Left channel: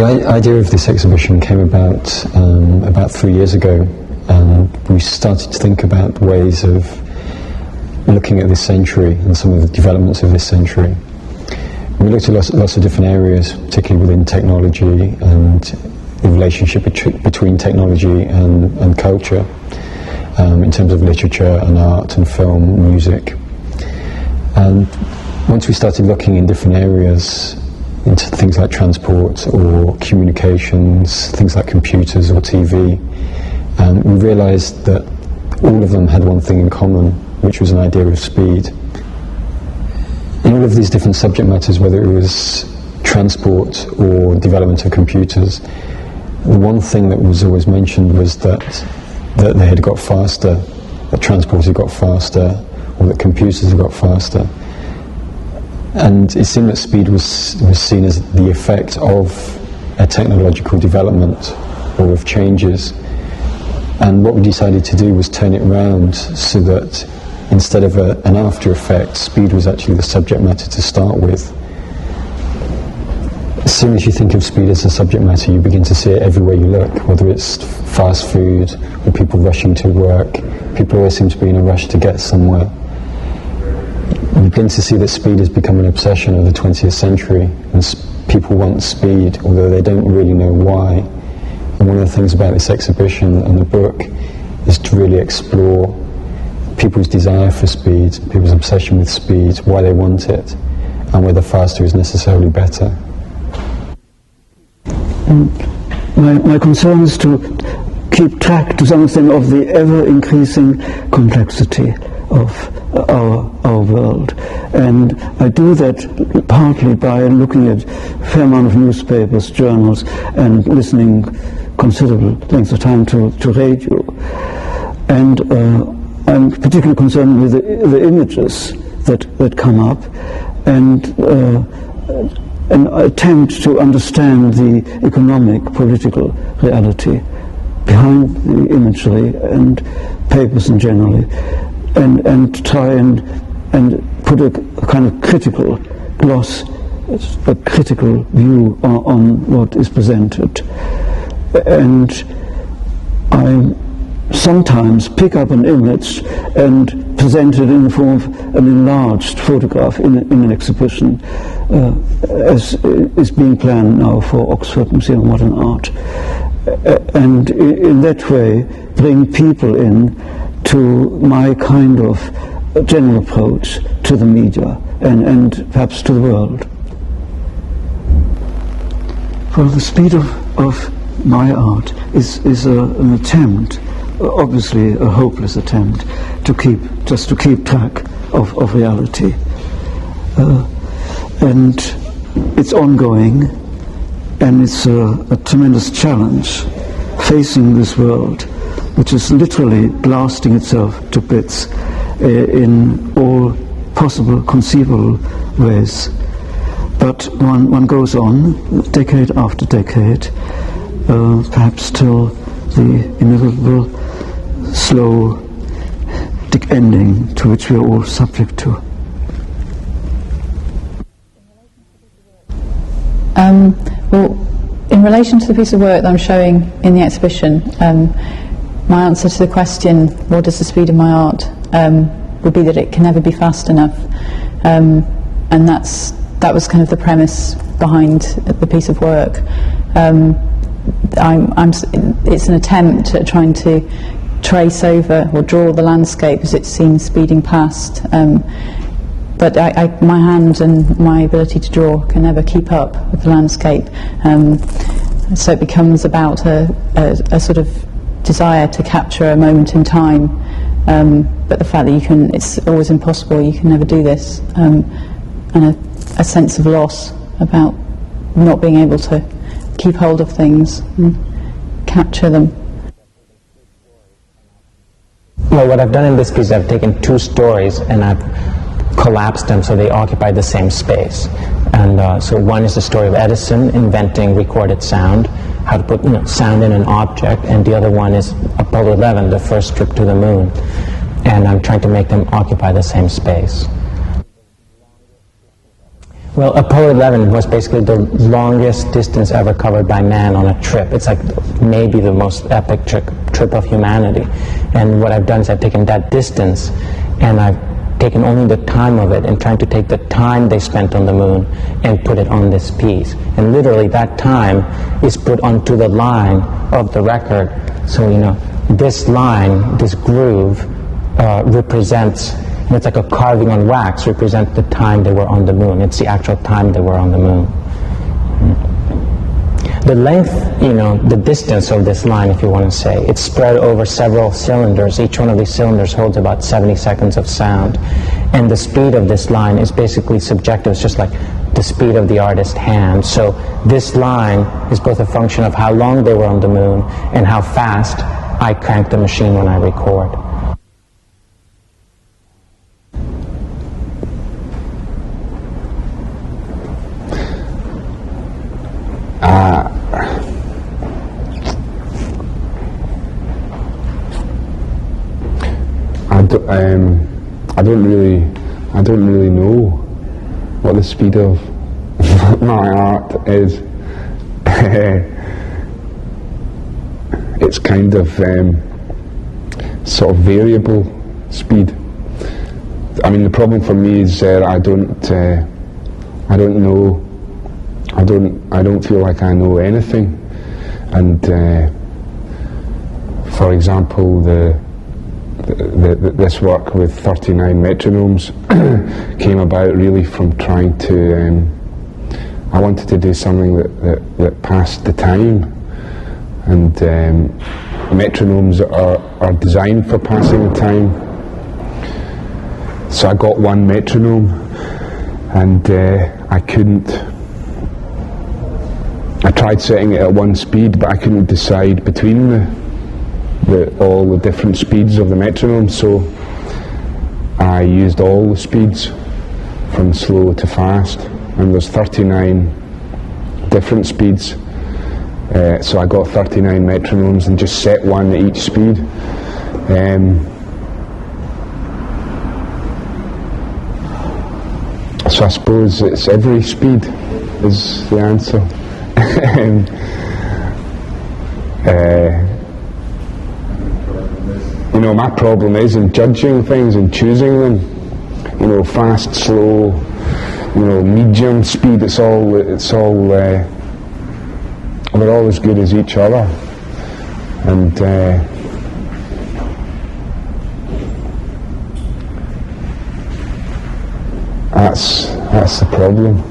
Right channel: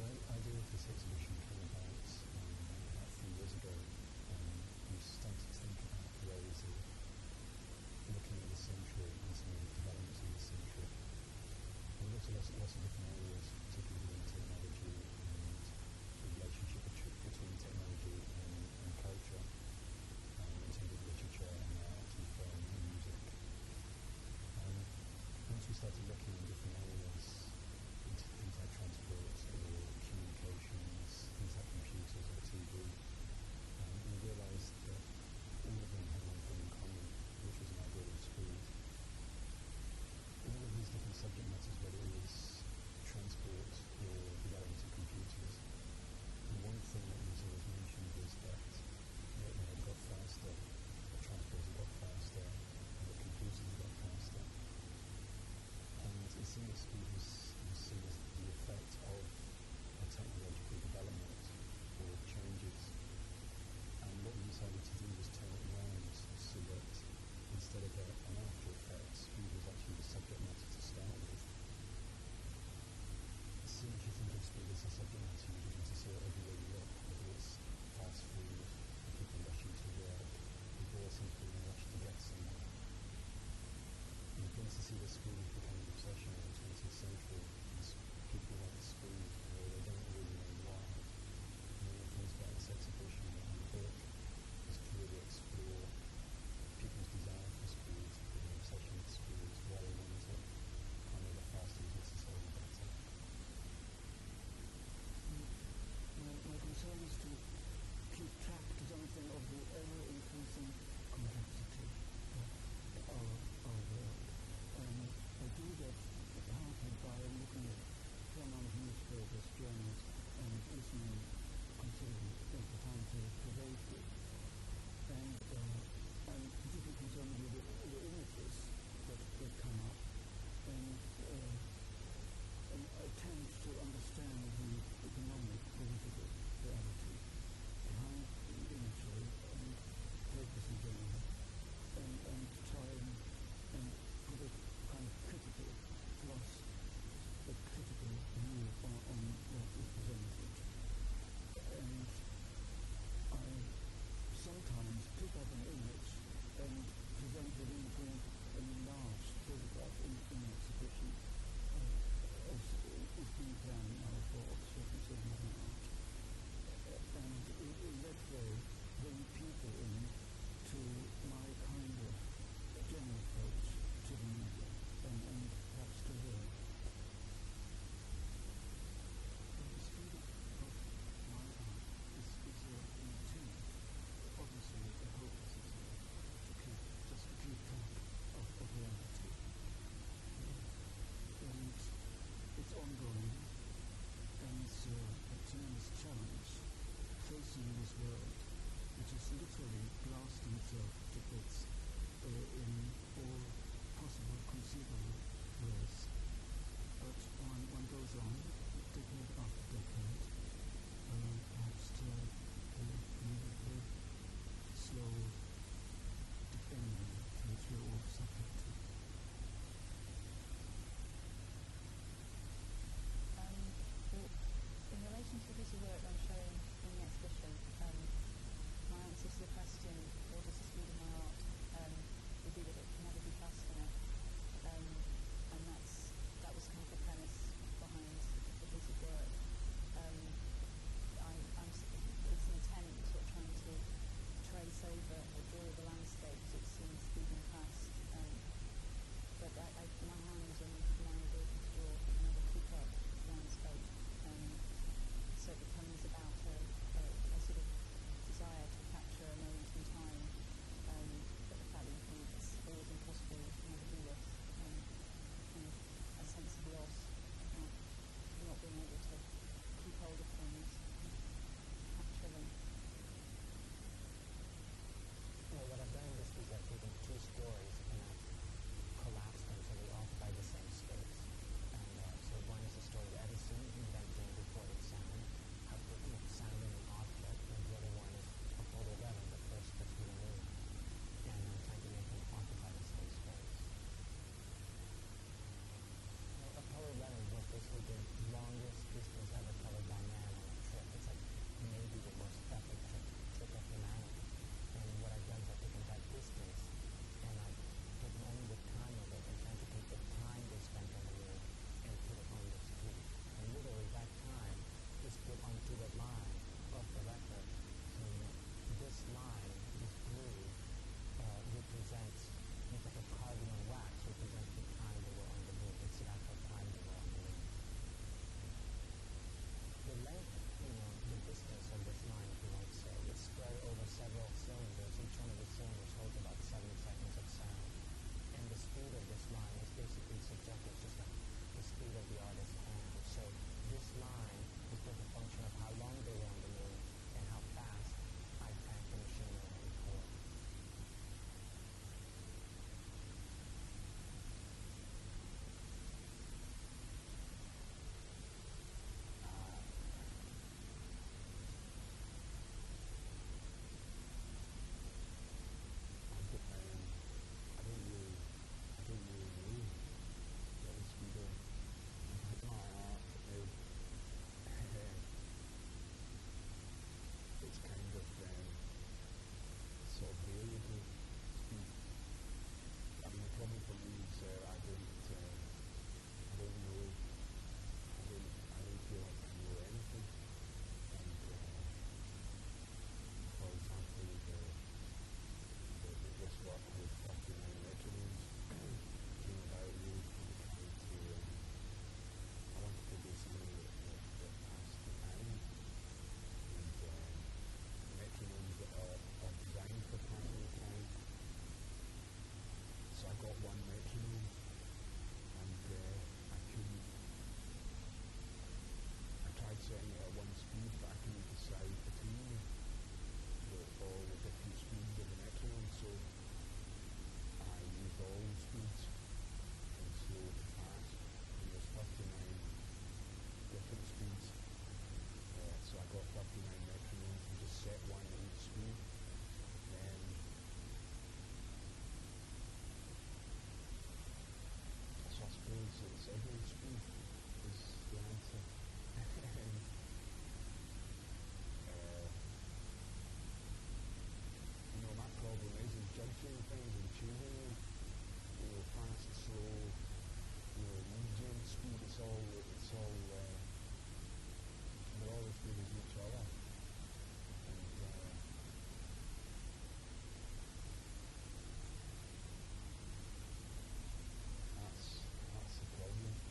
The idea of this exhibition came about 3 years ago, and we started to think about ways of looking at this century and some of the developments of this century. We looked at lots of different areas, particularly within technology and the relationship between technology and culture, in terms of literature and art and film, music. And once we started looking in different areas, into things like transport or communications, things like computers or TV, we realized that all of them had one thing in common, which was an idea of speed. In all of these different subject matters, whether it was transport or development of computers, the one thing that was always mentioned was that they had got faster, that transport had got faster, or that computers had got faster. And it seemed that speed was seen as the effect of a technological development or of changes. And what we decided to do was turn it around so that instead of an after effect, speed was actually the subject matter to start with. As soon as you think of speed as a subject matter, you begin to see it everywhere you look, whether it's fast food or people rushing to work. People always seem to be in a rush to get somewhere. You begin to see that speed has become an obsession of the 20th century, and people want speed, although they don't really know why. And one of the things about this exhibition and the book is to really explore people's desire for speed, people's obsession with speed, why they want it, and whether faster is necessarily better. My concern is to keep track to something of the ever-increasing complexity of our world, and I do that partly by looking at a fair amount of newspapers, journals, and listening considerable lengths of time to radio. And I'm particularly concerned with the images that come up, and an attempt to understand the economic, political reality behind the imagery and papers in generally, and try and put a kind of critical gloss, a critical view on what is presented. And I sometimes pick up an image and present it in the form of an enlarged photograph in an exhibition, as is being planned now for Oxford Museum of Modern Art, and in that way bring people in to my kind of general approach to the media and perhaps to the world. Well, the speed of my art is an attempt, obviously a hopeless attempt, to keep track of reality. And it's ongoing, and it's a tremendous challenge facing this world, which is literally blasting itself to bits in all possible, conceivable ways. But one goes on, decade after decade, perhaps till the inevitable slow ending to which we are all subject to. Well, in relation to the piece of work that I'm showing in the exhibition, my answer to the question, what is the speed of my art, would be that it can never be fast enough. And that was kind of the premise behind the piece of work. It's an attempt at trying to trace over or draw the landscape as it seems speeding past. But my hand and my ability to draw can never keep up with the landscape. So it becomes about a sort of desire to capture a moment in time. But the fact that it's always impossible, you can never do this. And a sense of loss about not being able to keep hold of things and capture them. Well, what I've done in this piece, I've taken two stories and I've collapsed them so they occupy the same space. And so one is the story of Edison inventing recorded sound, how to put sound in an object, and the other one is Apollo 11, the first trip to the moon. And I'm trying to make them occupy the same space. Well, Apollo 11 was basically the longest distance ever covered by man on a trip. It's like maybe the most epic trip of humanity. And what I've done is I've taken that distance and I've taken only the time of it and trying to take the time they spent on the moon and put it on this piece. And literally that time is put onto the line of the record. So, you know, this line, this groove, represents, it's like a carving on wax, represents the time they were on the moon. It's the actual time they were on the moon. The length, you know, the distance of this line, if you want to say, it's spread over several cylinders. Each one of these cylinders holds about 70 seconds of sound. And the speed of this line is basically subjective. It's just like the speed of the artist's hand. So this line is both a function of how long they were on the moon and how fast I crank the machine when I record. I don't really know what the speed of my art is. It's kind of sort of variable speed. I mean, the problem for me is I don't feel like I know anything. And for example, this work with 39 metronomes came about really from trying to, I wanted to do something that passed the time, and metronomes are designed for passing the time. So I got one metronome, and I tried setting it at one speed, but I couldn't decide between all the different speeds of the metronome, so I used all the speeds from slow to fast, and there's 39 different speeds, so I got 39 metronomes and just set one at each speed. So I suppose it's every speed is the answer. You know, my problem is in judging things and choosing them. You know, fast, slow, you know, medium speed. It's all. They're all as good as each other, and that's the problem.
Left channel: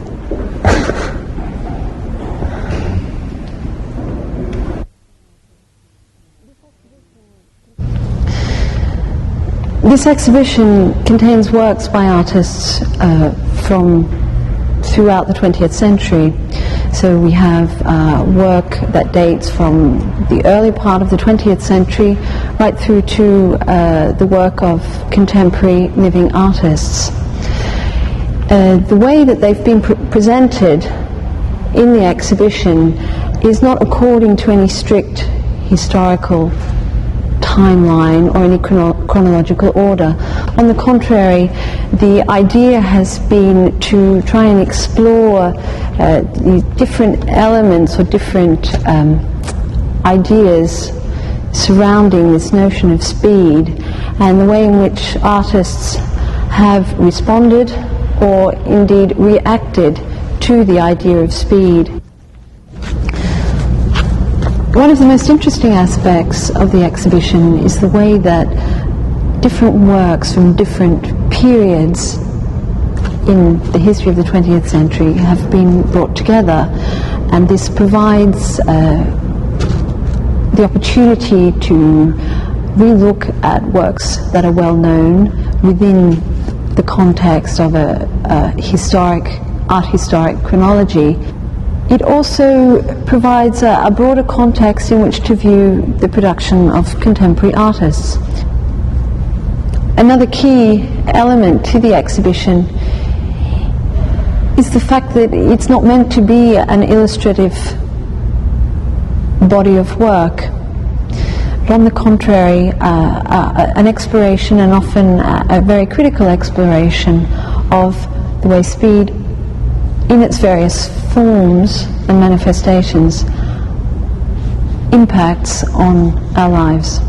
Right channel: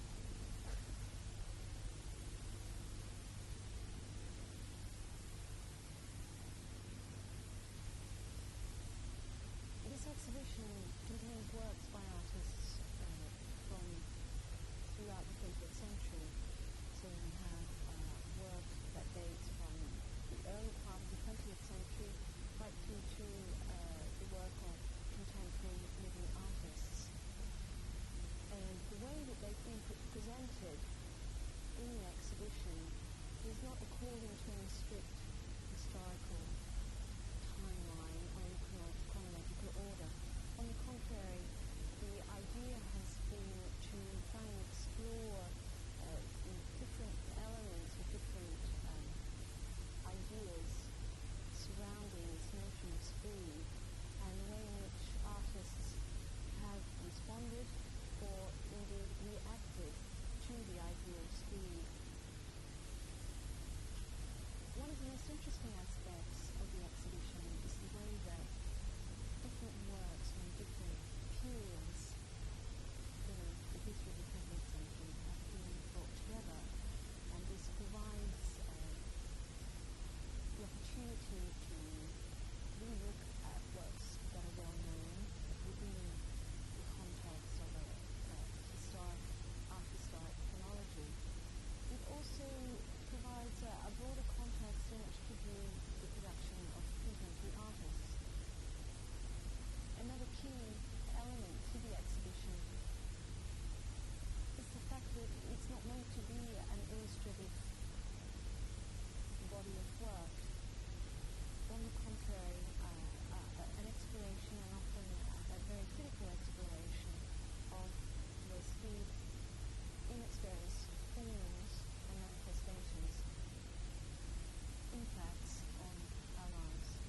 This exhibition contains works by artists from throughout the 20th century. So we have work that dates from the early part of the 20th century right through to the work of contemporary living artists. The way that they've been presented in the exhibition is not according to any strict historical timeline or any chronological order. On the contrary, the idea has been to try and explore the different elements or different ideas surrounding this notion of speed and the way in which artists have responded or indeed reacted to the idea of speed. One of the most interesting aspects of the exhibition is the way that different works from different periods in the history of the 20th century have been brought together, and this provides the opportunity to relook at works that are well known within the context of a art historic chronology. It also provides a broader context in which to view the production of contemporary artists. Another key element to the exhibition is the fact that it's not meant to be an illustrative body of work, but on the contrary, an exploration, and often a very critical exploration, of the way speed in its various forms and manifestations, impacts on our lives.